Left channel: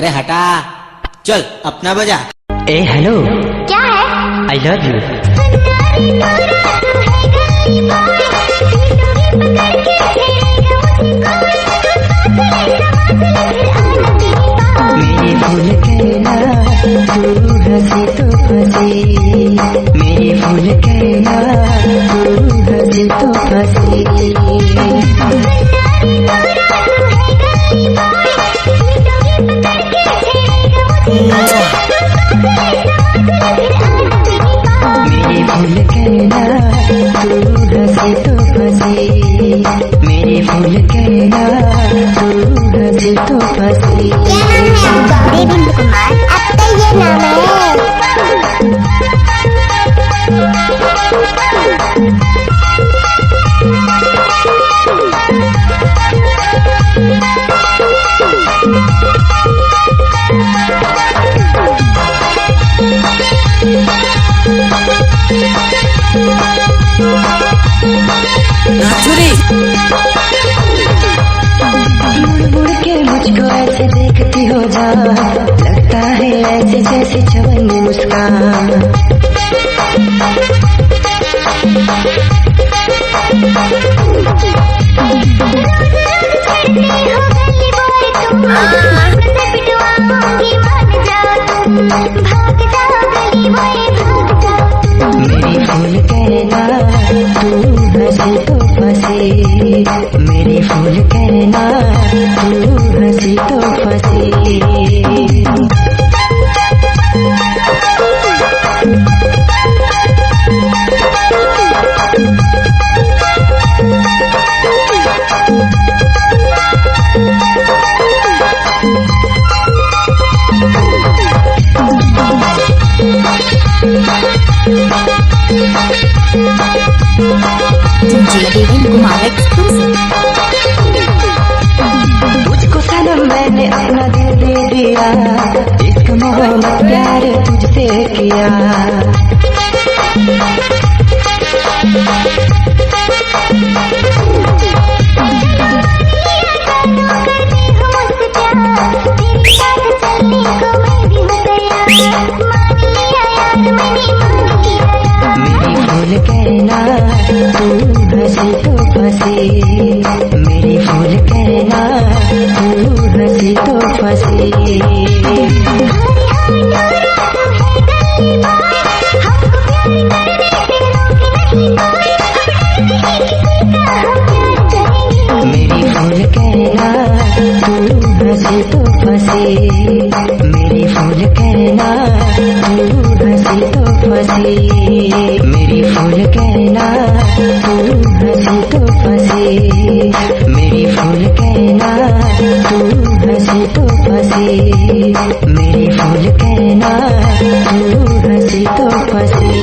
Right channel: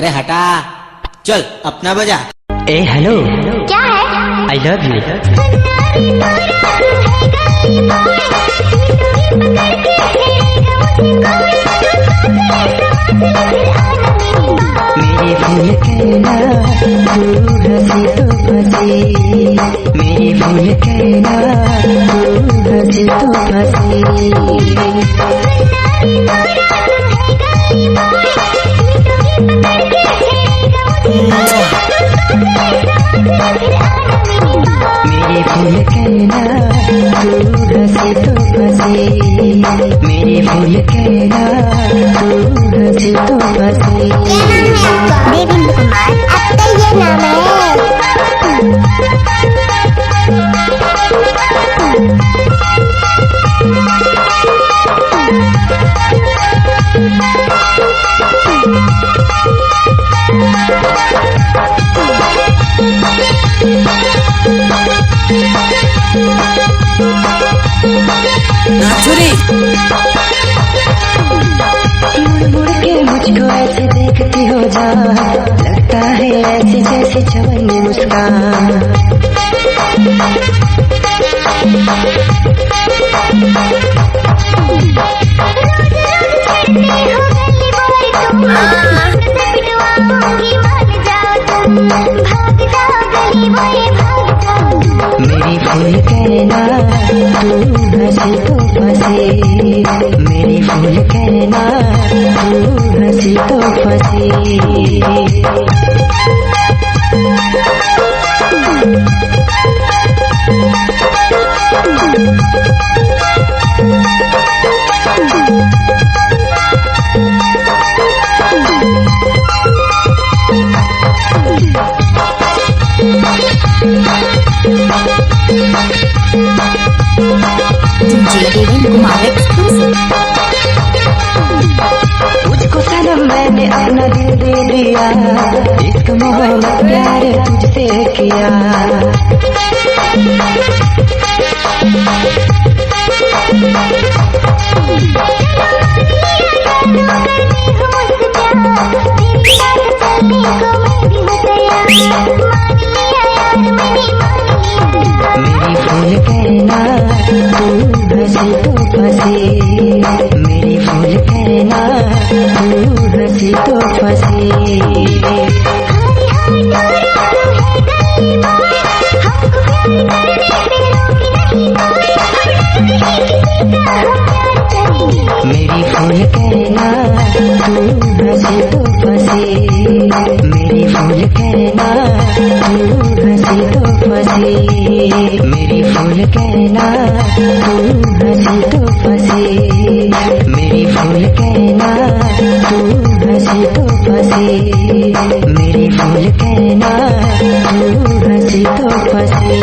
अरे हटा, चल अपना बजा। ए हेलो, क्या है? I love you. मेरी फूल कहना तू हंसी तो फंसी, मेरी फूल कहना तू हंसी तो फंसी। मेरी फूल कहना तू हंसी तो फंसी, मेरी फूल कहना तू हंसी तो फंसी। क्या नाम है आपका? देवेंद्र कुमार। अब तो ये नाम है। नाचुरी मुड़ मुड़ के मुझको ऐसे देखती हो जान, लगता है ऐसे जैसे चवन्नी मुस्कान। मेरी फूल कहना तू हंसी तो फंसी, मेरी फूल कहना तू हंसी तो फंसी। देवेंद्र कुमार एक्सक्लूसिव। तुझको सनम मैंने अपना दिल दे दिया, इश्क मोहब्बत प्यार तुझसे किया। मेरी फूल कहना तू हंसी तो फंसी, मेरी फूल कहना तू हंसी तो फंसी। मेरी फूल कहना तू हंसी तो फंसी, मेरी फूल कहना तू हंसी तो फंसी। मेरी फूल कहना तू हंसी तो फंसी, मेरी फूल कहना तू हंसी तो फंसी। मेरी फूल कहना तू हंसी तो फंसी।